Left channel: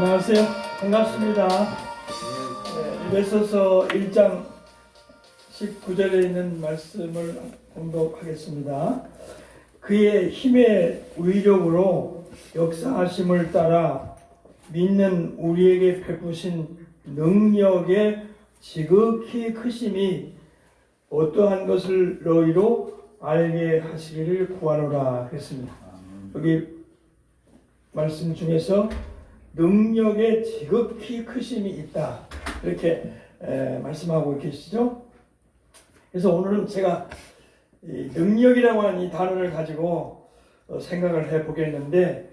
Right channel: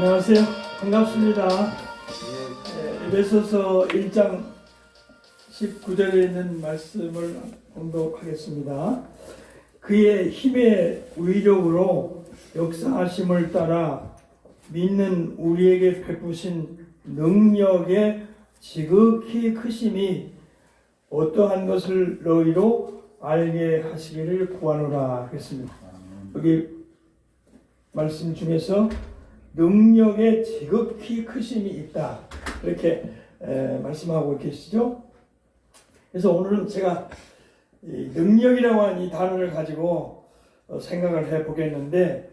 안녕하세요. 반갑습니다. 에베소서 1장 19절에 있는 말씀을 공독하겠습니다. 그의 힘의 위력으로 역사하심을 따라 믿는 우리에게 베푸신 능력의 지극히 크심이 어떠한 것을 너희로 알게 하시기를 구하노라 그랬습니다. 여기 말씀 중에서 능력의 지극히 크심이 있다 이렇게 말씀하고 계시죠. 그래서 오늘은 제가 이 능력이라고 하는 이 단어를 가지고 생각을 해보겠는데,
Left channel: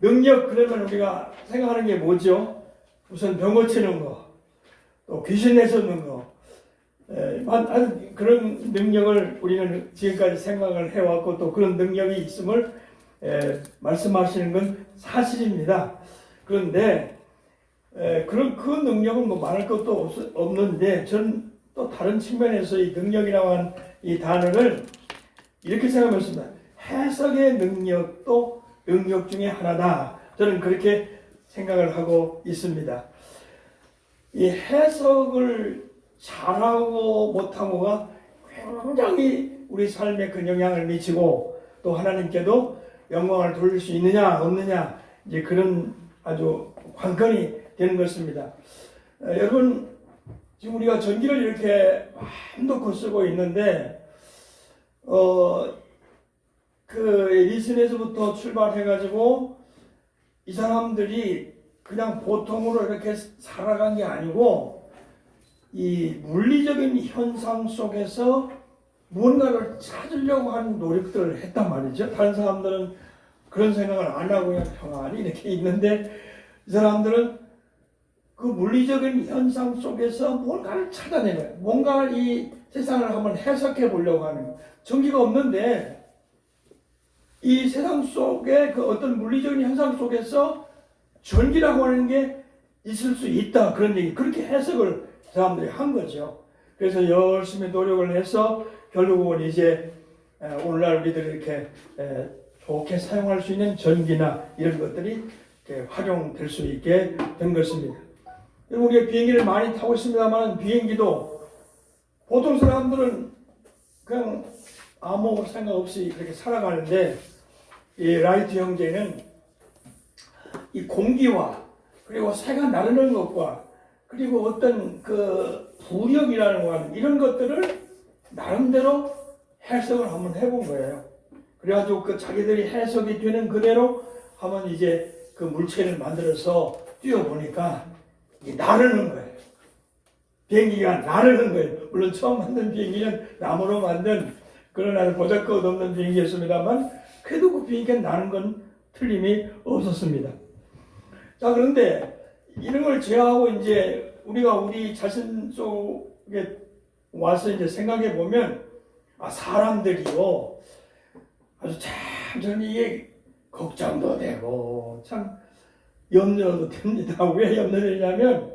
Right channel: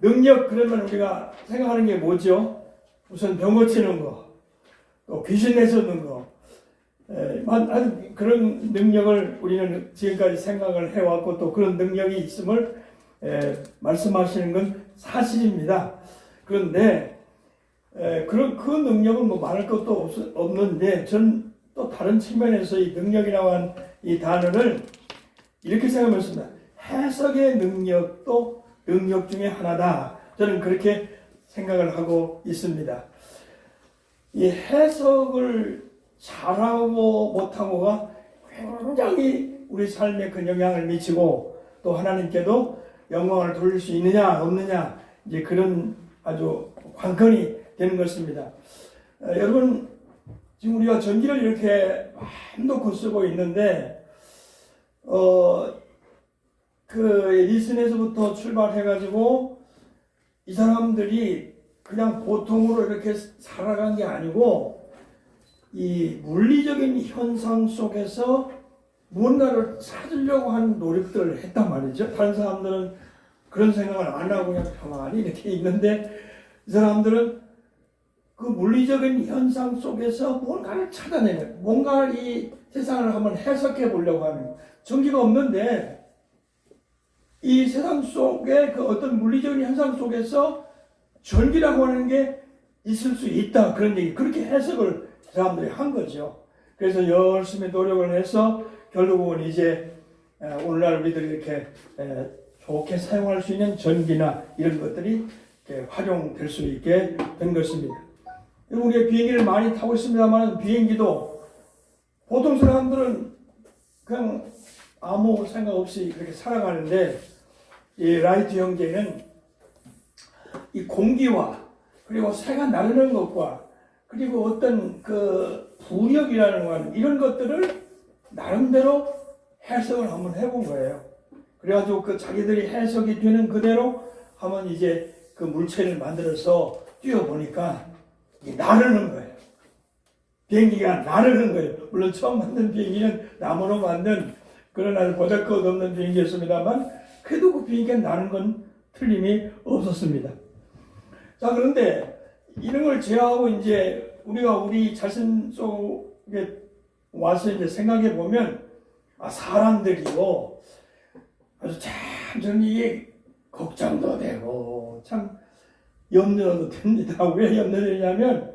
능력 그러면 우리가 생각하는 게 뭐죠? 우선 병 고치는 거, 또 귀신 내쫓는 거, 그런 능력을 우리는 지금까지 생각을 해왔고, 또 그런 능력이 있음을 말씀하시는 건 사실입니다. 그런데 그런 그 능력은 뭐 말할 것도 없는데, 전 또 다른 측면에서 이 능력이라고 하는 이 단어를 이렇게 생각했습니다. 해석의 능력도 능력 중에 하나다. 저는 그렇게 생각을 하고 있습니다. 이 해석을 잘하고 못하고가 굉장히 우리 삶에 큰 영향을 미치고, 또 하나님께도 영광을 돌릴 수 있느냐 없느냐, 이제 그런 아주 관건이 되는 것입니다. 여러분, 지금 우리가 전기를 이렇게 마음 놓고 쓰고 있는데, 그 에디슨에서부터 출발해가지고 이 사람들이 그냥 보통으로 이렇게 살아간 게 아니고, 이 물리적인 현상 속에서 무언가를 찾으려고 하는 노력들을 했단 말이죠. 다른 사람들은 그런 생각을 안 하고 그냥 평안히 이렇게 있는데, 이 사람들은 그 물리적인 현상 속에서 뭔가를 찾아내는, 뭔가를 이 세상을 한번 해석해 보려고 하는 거예요. 전기가 없는데 이 세상 속에 그 어떤 물리적인 현상 속에서 전기라고 하는 게 있을 수 있다, 그런 얘기, 그렇게 해석을 사람들이 한 거죠. 그래서 열심히 노력을 해서 결국은 이제 오늘날 우리들이 이렇게 좋게 사용할 수 있는 전기나 이런 것들이 이렇게 활용될 수 있게 된 것입니다. 우리가 비행기를 많이 타고 있습니다만, 비행기도 보통 사람들은 그냥 아무 생각 없이 그렇게 살아가는데, 이 라이트 형제는 이 공기와 그리고 새가 나르는 것과 그리고 어떤 그 부력이라는 거, 이런 것들을 나름대로 해석을 한번 해본 거예요. 그래가지고 그 자기들이 해석이 되는 그대로 한번 이제 그 물체를 만들어서 뛰어보니까 나르는 거예요. 비행기가 나르는 거예요. 물론 처음 만든 비행기는 나무로 만든 그런 아주 보잘것없는 비행기였습니다만, 그래도 그 비행기가 나는 건 틀림이 없었습니다. 자, 그런데 이런 걸 제어하고 이제 우리가 우리 자신 속에 와서 이제 생각해 보면, 사람들이요, 아주 참 저는 이게 걱정도 되고 참 염려도 됩니다. 왜 염려되냐면,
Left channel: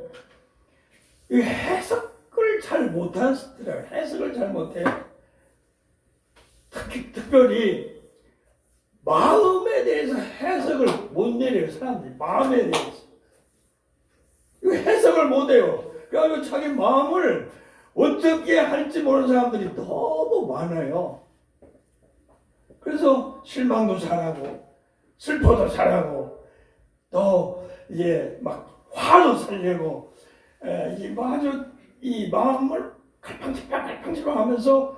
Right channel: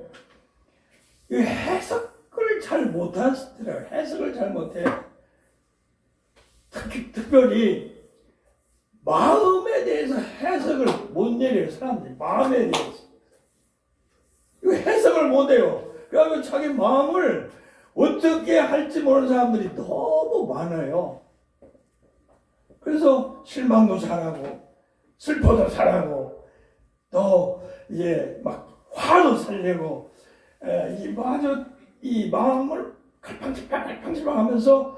이 해석을 잘 못하시더라고요. 해석을 잘 못해요. 특별히 마음에 대해서 해석을 못 내려요. 사람들이 마음에 대해서 이 해석을 못해요. 그래서 자기 마음을 어떻게 할지 모르는 사람들이 너무 많아요. 그래서 실망도 잘하고 슬퍼도 잘하고, 또 이제 막 화도 살려고, 아주 이 마음을 갈팡질팡 하면서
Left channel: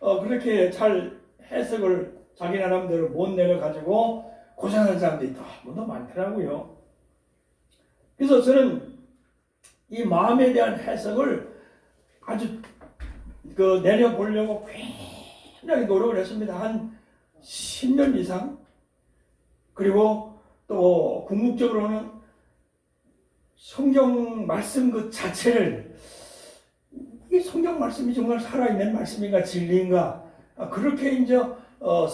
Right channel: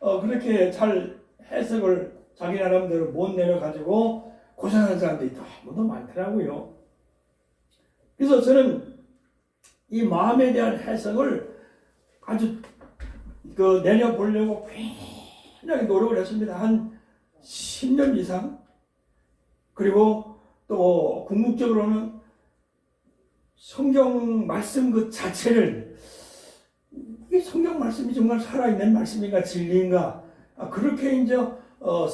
그렇게 잘 해석을 자기 나름대로 못 내려가지고 고생하는 사람들이 너무 많더라고요. 그래서 저는 이 마음에 대한 해석을 아주 내려보려고 굉장히 노력을 했습니다. 한 10년 이상. 그리고 또 궁극적으로는 성경 말씀 그 자체를, 이 성경 말씀이 정말 살아있는 말씀인가 진리인가, 그렇게 이제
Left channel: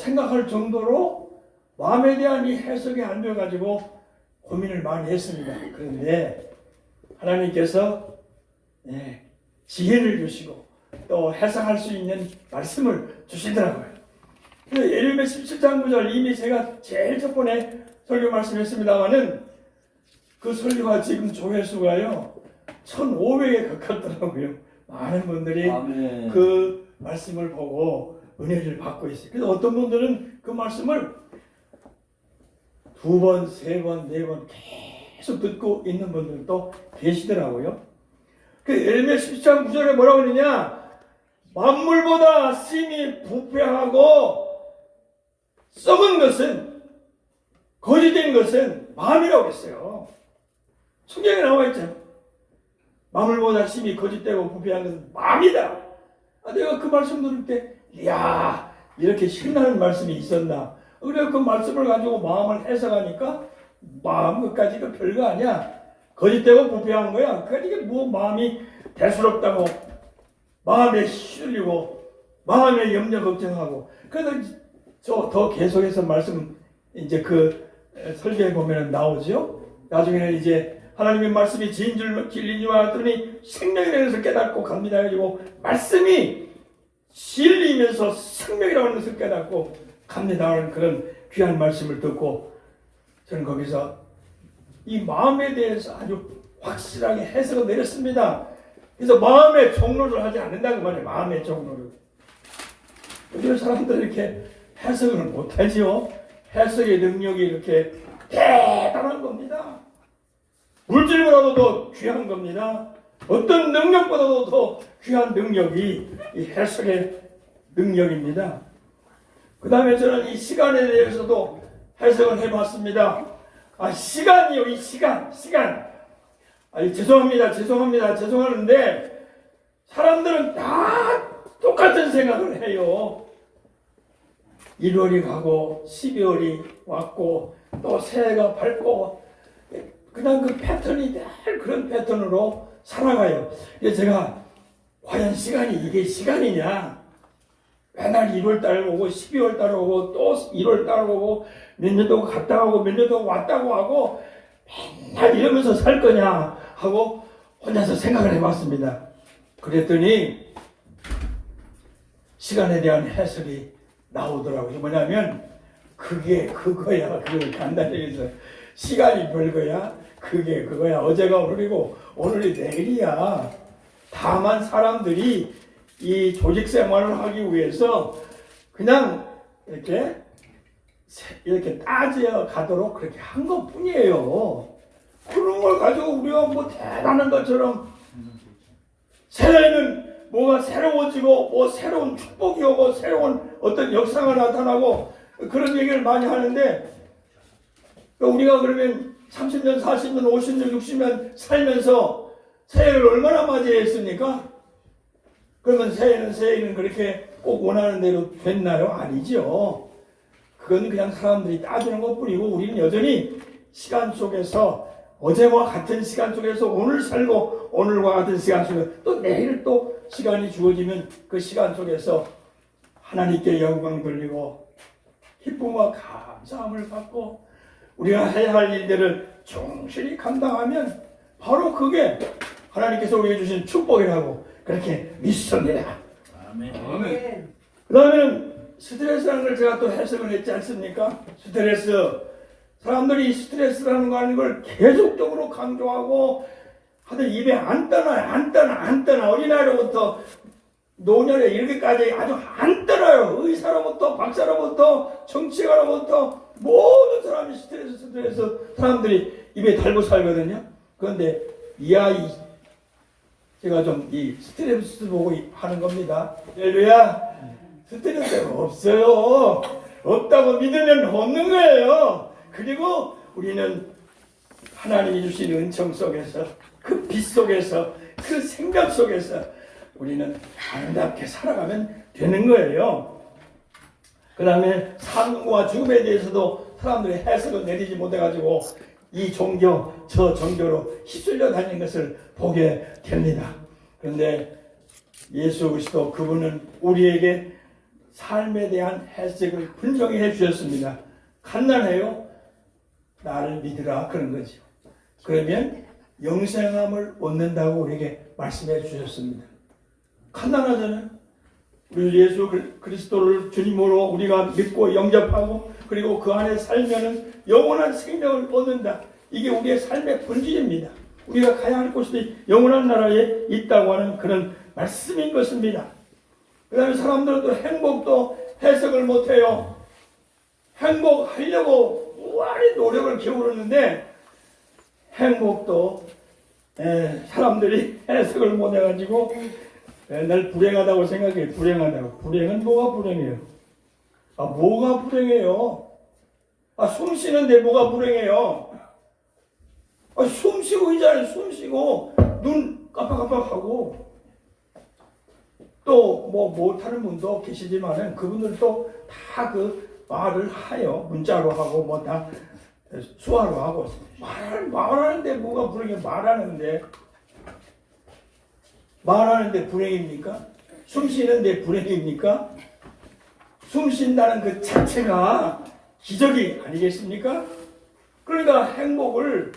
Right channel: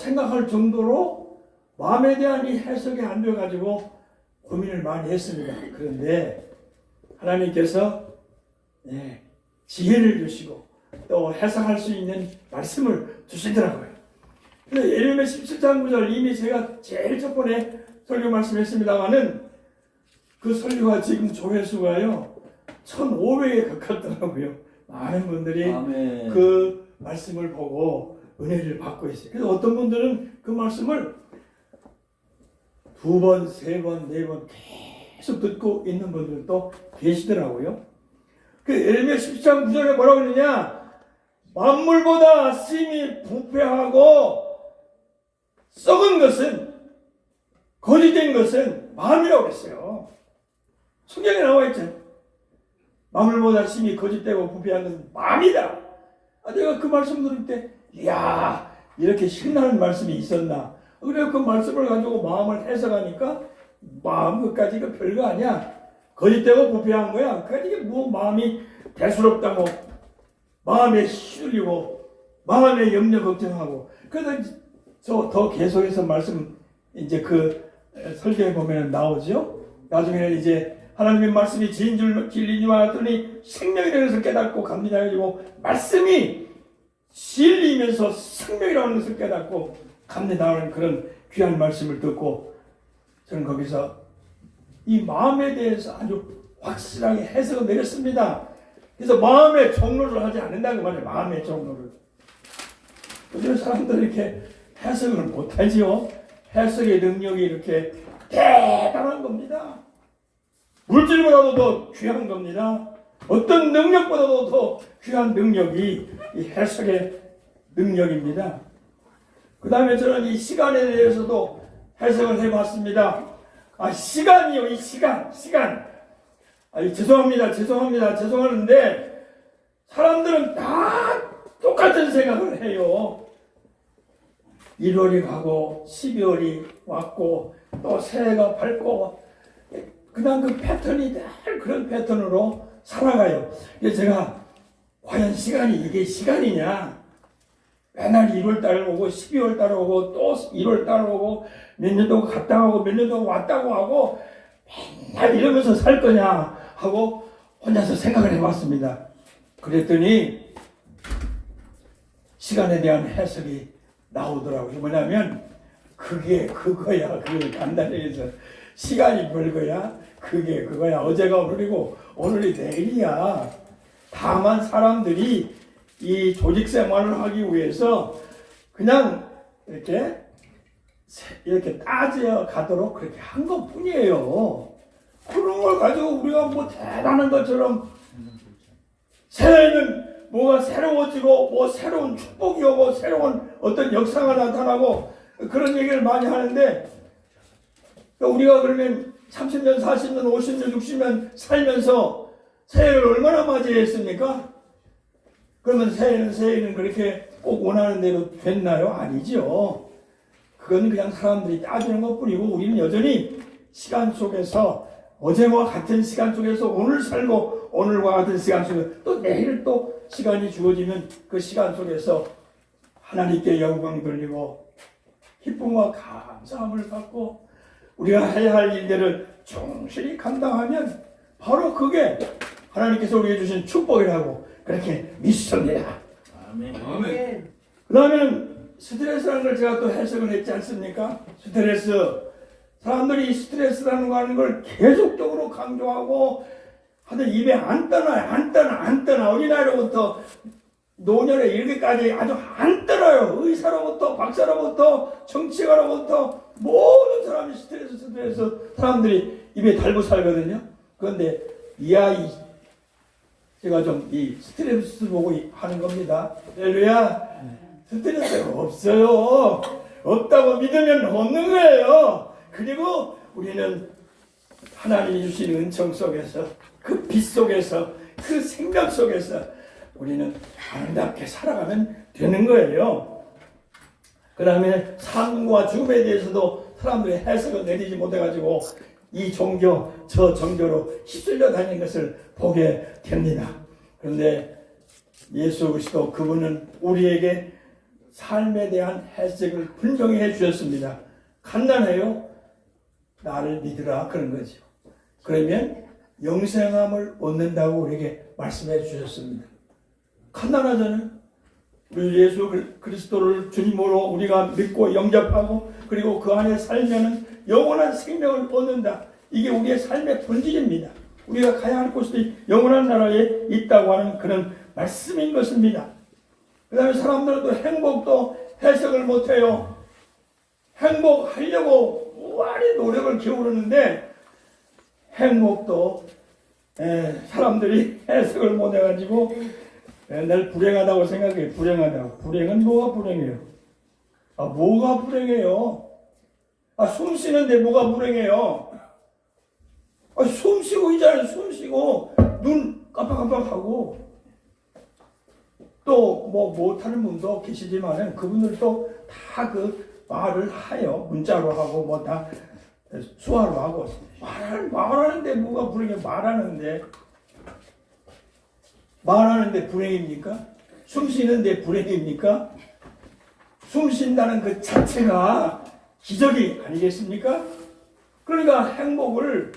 생각할 정도로 마음에 대한 이 해석이 안 돼가지고 고민을 많이 했습니다. 그런데 하나님께서 지혜를 주시고 또 해석할 수 있는 말씀을 주시더라고요. 예레미야 17장 9절, 이미 제가 제일 첫 번에 설교 말씀했습니다마는 그 설교가 지금 조회수가요 1,500에 가깝더라고요. 많은 분들이 아멘. 그 말씀을 보고 은혜를 받고 있어요. 그래서 어떤 분들은 그 말씀을 2번, 3번, 4번 계속 듣고 있는 분들도 계시더라고요. 그 에레미야 17장 9절에 뭐라고 그러냐? 만물보다 심히 부패하고 썩은 것은, 거짓된 것은 마음이라고 했어요. 성경에 나와 있죠. 만물보다 심히 거짓되고 부패한 것은 마음이다. 내가 그 말씀 들을 때 이야, 이렇게 신나는 말씀이 있었나. 그래서 그 말씀을 가지고 마음을 해석하니까 마음 그까지가 별거 아니야. 거짓되고 부패한 거야. 그까지가 뭐 마음이 대수롭다고 마음에 시들리고 마음에 염려 걱정하고. 그래서 저 더 계속해서 말씀 이제 그 설교에 보면 나오죠. 나중에는 이제 하나님의 말씀이 진리니와 하더니 생명이라는 것을 깨닫고 갑니다. 가지고 말씀이 진리면서 생명이라는 것을 깨닫고 갑니다 하는 그런 귀한 말씀을 듣고 저는 거기서 이 마음에 대해서 아주 확실하게 해석을 내렸습니다. 그래서 마음의 종로를 하지 않는다고 말이에요. 마음의 종로를. 요즘 사람들 이렇게 해석을 못하지요. 해석의 능력이 이렇게 대단한 겁니다. 물질보다도 더 귀한 겁니다. 어떤 능력보다도 더 귀한 능력이 이 해석의 능력입니다. 그 다음에 저는 이 시간에 대해서도 해석을 해봤습니다. 시간이요, 이 시간. 죄송하는데 사람들은 다 똑같은 생각을 해요. 1월이 가고 12월이 왔고 또 새해가 밝고 그냥 그 패턴이 늘 그런 패턴으로 살아가요. 그래서 제가 과연 이게 시간이냐? 맨날 1월달 오고 12월달 오고 또 1월달 오고 몇 년 동안 갔다 가고 몇 년 동안 왔다고 하고 맨날 이러면서 살 거냐 하고 혼자서 생각을 해봤습니다. 그랬더니 시간에 대한 해석이 나오더라고요. 뭐냐면 그게 그거야. 그걸 간단히 해서 시간이 별거야. 그게 그거야. 어제가 오늘이고 오늘이 내일이야. 다만 사람들이 이 조직 생활을 하기 위해서 그냥 이렇게 따져 가도록 그렇게 한 것뿐이에요. 그런 걸 가지고 우리가 뭐 대단한 것처럼 새해는 뭐가 새로워지고 뭐 새로운 축복이 오고 새로운 어떤 역사가 나타나고 그런 얘기를 많이 하는데 우리가 그러면 30년, 40년, 50년, 60년 살면서 새해를 얼마나 맞이했습니까? 그러면 새해는 그렇게 꼭 원하는 대로 됐나요? 아니죠. 그건 그냥 사람들이 따지는 것뿐이고 우리는 여전히 시간 속에서 어제와 같은 시간 속에서 오늘 살고 오늘과 같은 시간 속에 또 내일 또 시간이 주어지면 그 시간 속에서 하나님께 영광 돌리고 기쁨과 감사함을 갖고 우리가 해야 할 일들을 충실히 감당하면 바로 그게 하나님께서 우리에게 주신 축복이라고 그렇게 믿습니다. 아멘. 그 다음에는 스트레스라는 걸 제가 또 해석을 했지 않습니까? 스트레스. 사람들이 스트레스라는 거 하는 걸 계속적으로 강조하고 하여튼 입에 안 떠나. 어린아이로부터 노년에 이렇게까지 아주 안 떠나요. 의사로부터 박사로부터 정치가로부터 모든 사람이 스트레스 사람들이 입에 달고 살거든요. 그런데 이 아이 제가 좀 이 스트레스 보고 하는 겁니다. 할렐루야. 스트레스가 없어요. 없다고 믿으면 없는 거예요. 그리고 우리는 하나님이 주신 은총 속에서 그 빛 속에서 그 생각 속에서 우리는 아름답게 살아가면 되는 거예요. 그 다음에 삶과 죽음에 대해서도 사람들이 해석을 내리지 못해가지고 이 종교 저 종교로 휩쓸려 다니는 것을 보게 됩니다. 그런데 예수 그리스도 그분은 우리에게 삶에 대한 해석을 분명히 해주셨습니다. 간단해요. 나를 믿으라 그런 거죠. 그러면 영생함을 얻는다고 우리에게 말씀해 주셨습니다. 간단하잖아요. 우리 예수 그리스도를 주님으로 우리가 믿고 영접하고 그리고 그 안에 살면은 영원한 생명을 얻는다. 이게 우리의 삶의 본질입니다. 우리가 가야 할 곳이 영원한 나라에 있다고 하는 그런 말씀인 것입니다. 그 다음에 사람들은 또 행복도 해석을 못해요. 행복하려고 무한히 노력을 기울이는데 행복도 사람들이 해석을 못해가지고 맨날 불행하다고 생각해요. 불행하다고. 불행은 뭐가 불행해요? 뭐가 불행해요? 숨 쉬는데 뭐가 불행해요? 숨 쉬고 있잖아요. 숨 쉬고 눈 깜빡깜빡하고 또 뭐 못하는 분도 계시지만 그분들도 다 그 말을 하요. 문자로 하고 뭐 다 수화로 하고 말하는데 뭐가 불행해? 말하는데 불행입니까? 숨 쉬는데 불행입니까? 숨 쉰다는 그 자체가 기적이 아니겠습니까? 그러니까 행복을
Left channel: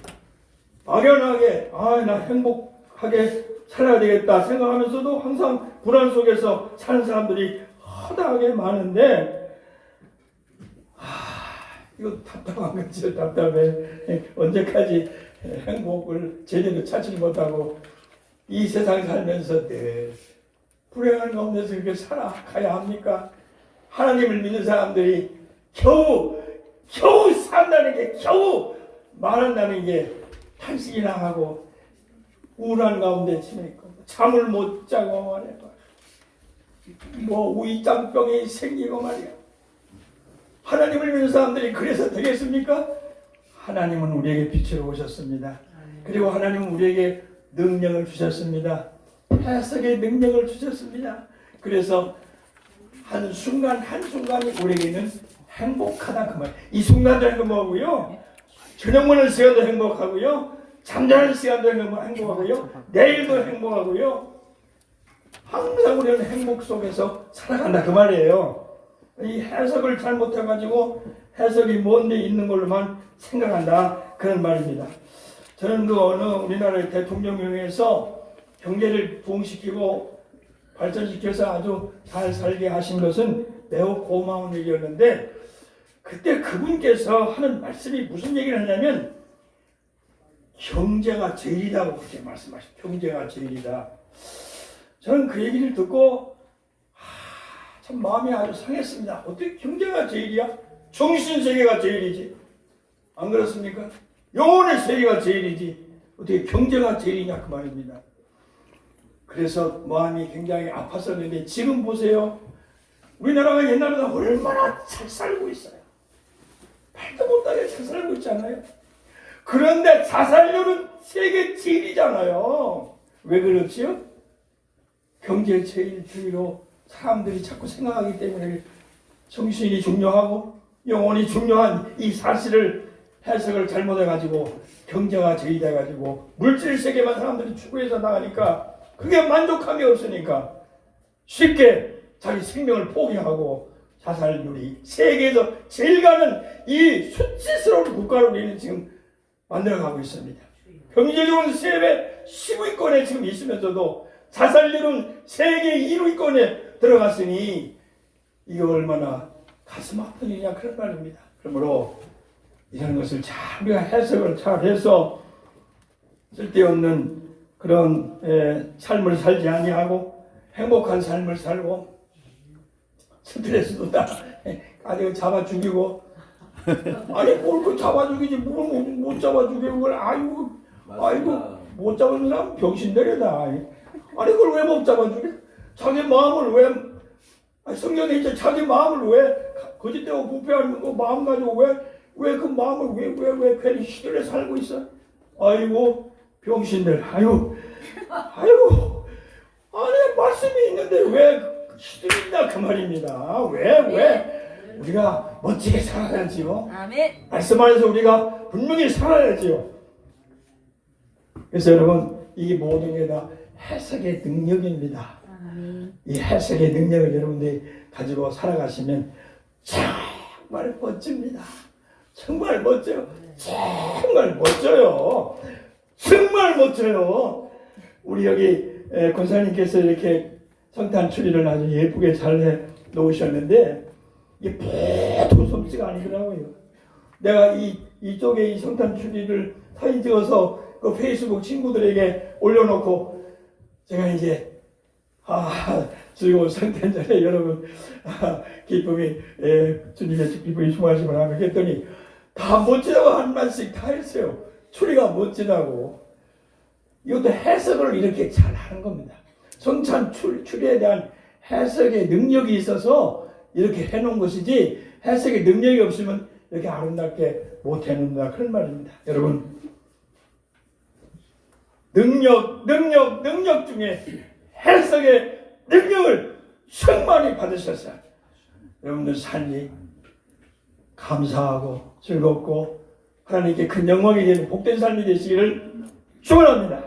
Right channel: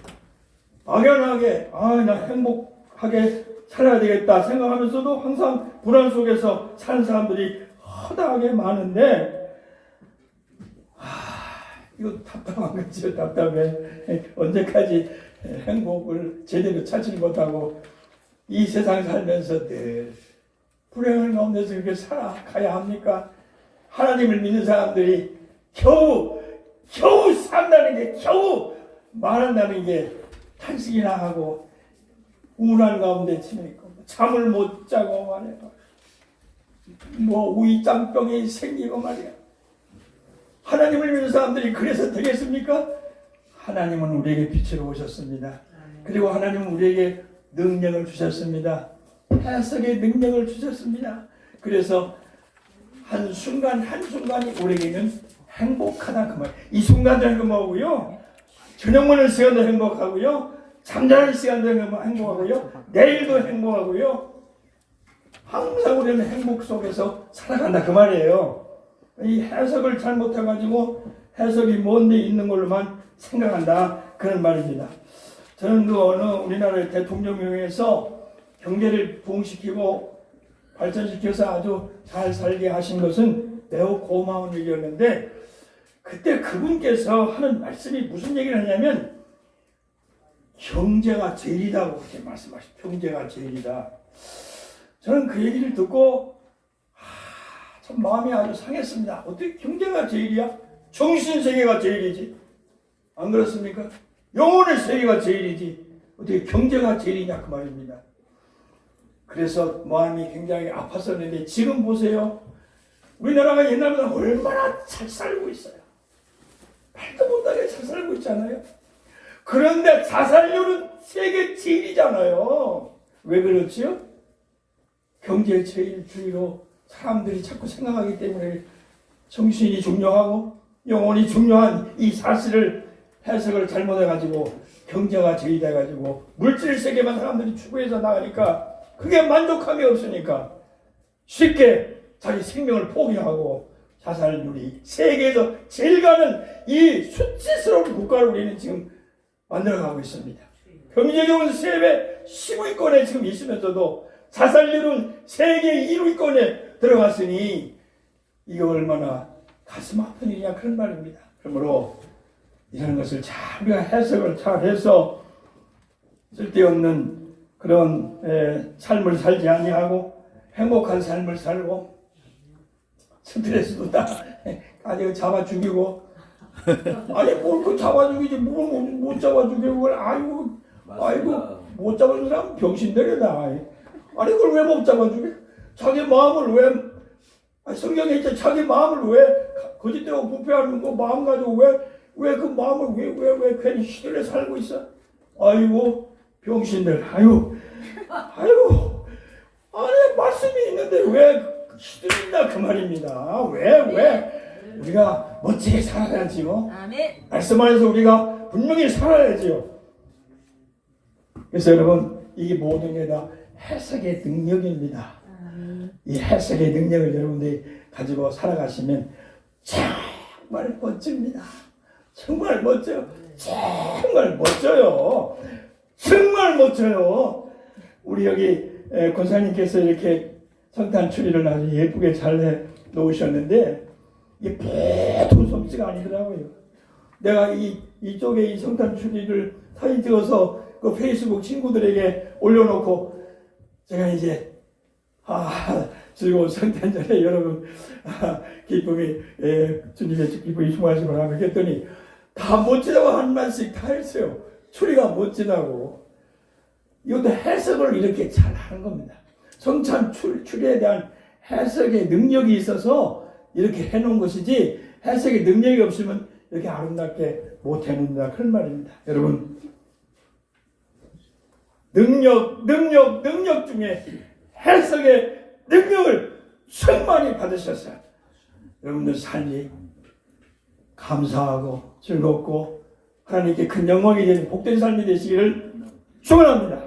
막연하게 나 행복하게 살아야 되겠다 생각하면서도 항상 불안 속에서 사는 사람들이 허다하게 많은데 이거 답답한 거죠. 답답해. 언제까지 행복을 제대로 찾지 못하고 이 세상 살면서 늘 불행한 가운데서 이렇게 살아가야 합니까? 하나님을 믿는 사람들이 겨우 산다는 게 겨우 말한다는 게 탄식이나 하고 우울한 가운데 지내고 잠을 못 자고 말이야. 뭐 우이장병이 생기고 말이야. 하나님을 믿는 사람들이 그래서 되겠습니까? 하나님은 우리에게 빛으로 오셨습니다. 그리고 하나님은 우리에게 능력을 주셨습니다. 해석의 능력을 주셨습니다. 그래서 한순간이 우리에게는 행복하다 그 말. 이 순간들은 그 뭐고요? 저녁 먹는 시간도 행복하고요. 잠자는 시간도 행복하고요. 내일도 행복하고요. 항상 우리는 행복 속에서 살아간다 그 말이에요. 이 해석을 잘못해가지고 해석이 먼데 있는 걸로만 생각한다 그런 말입니다. 저는 그 어느 우리나라의 대통령령에서 경제를 부흥시키고 발전시켜서 아주 잘 살게 하신 것은 매우 고마운 일이었는데 그때 그분께서 하는 말씀이 무슨 얘기를 하냐면 경제가 제일이다고 그렇게 말씀하시죠. 경제가 제일이다. 저는 그 얘기를 듣고 참 마음이 아주 상했습니다. 어떻게 경제가 제일이야? 정신세계가 제일이지. 안 그렇습니까? 영혼의 세계가 제일이지. 어떻게 경제가 제일이냐 그 말입니다. 그래서 마음이 굉장히 아팠었는데 지금 보세요. 우리나라가 옛날보다 얼마나 잘 살고 있어요. 말도 못하게 잘 살고 있잖아요. 그런데 자살률은 세계 제일이잖아요. 왜 그렇지요? 경제 제일 주의로 사람들이 자꾸 생각하기 때문에 정신이 중요하고 영혼이 중요한 이 사실을 해석을 잘못해가지고 경제가 제일돼가지고 물질 세계만 사람들이 추구해서 나가니까 그게 만족감이 없으니까 쉽게 자기 생명을 포기하고 자살률이 세계에서 제일 가는 이 수치스러운 국가를 우리는 지금 만들어가고 있습니다. 경제적으로는 세계 15위권에 지금 있으면서도 자살률은 세계 1위권에 들어갔으니 이게 얼마나 가슴 아픈 일이냐 그런 말입니다. 그러므로 이런 것을 잘 우리가 해석을 잘 해서 쓸데없는 그런 삶을 살지 아니하고 행복한 삶을 살고 스트레스도 다 아주 잡아 죽이고 아니 뭘 그 잡아 죽이지 뭘 못 잡아 죽이고 그걸 아이고 못 잡아 죽이면 병신들이다. 아니 그걸 왜 못 잡아 죽여? 자기 마음을 왜 성경에 있죠. 자기 마음을 왜 거짓되고 부패하는 거 마음 가지고 왜 그 마음을 왜 괜히 시들에 살고 있어? 아이고 병신들 아이고 아니 말씀이 있는데 왜 시들이냐 그 말입니다. 왜 우리가 멋지게 살아야지요. 아멘. 말씀 안에서 우리가 분명히 살아야지요. 그래서 여러분 이게 모든 게 다 해석의 능력입니다. 이 해석의 능력을 여러분들이 가지고 살아가시면 정말 멋집니다. 정말 멋져요. 정말 멋져요. 정말 멋져요. 우리 여기 권사님께서 이렇게 성탄 추리를 아주 예쁘게 잘 해 놓으셨는데 이게 보통 솜씨가 아니더라고요. 내가 이쪽에 이 성탄 추리를 사진 찍어서 그 페이스북 친구들에게 올려놓고 제가 이제 즐거운 성탄절에 여러분 기쁨이 주님의 기쁨이 충만하시기 바랍니다. 그랬더니 다 멋지다고 한 말씩 다 했어요. 추리가 멋지다고. 이것도 해석을 이렇게 잘 하는 겁니다. 성찬 추리에 대한 해석의 능력이 있어서 이렇게 해놓은 것이지 해석의 능력이 없으면 이렇게 아름답게 못 해놓는다 그런 말입니다. 여러분 능력 중에 해석의 능력을 충만히 받으셔서 여러분들 삶이 감사하고 즐겁고 하나님께 큰 영광이 되는 복된 삶이 되시기를 축원합니다.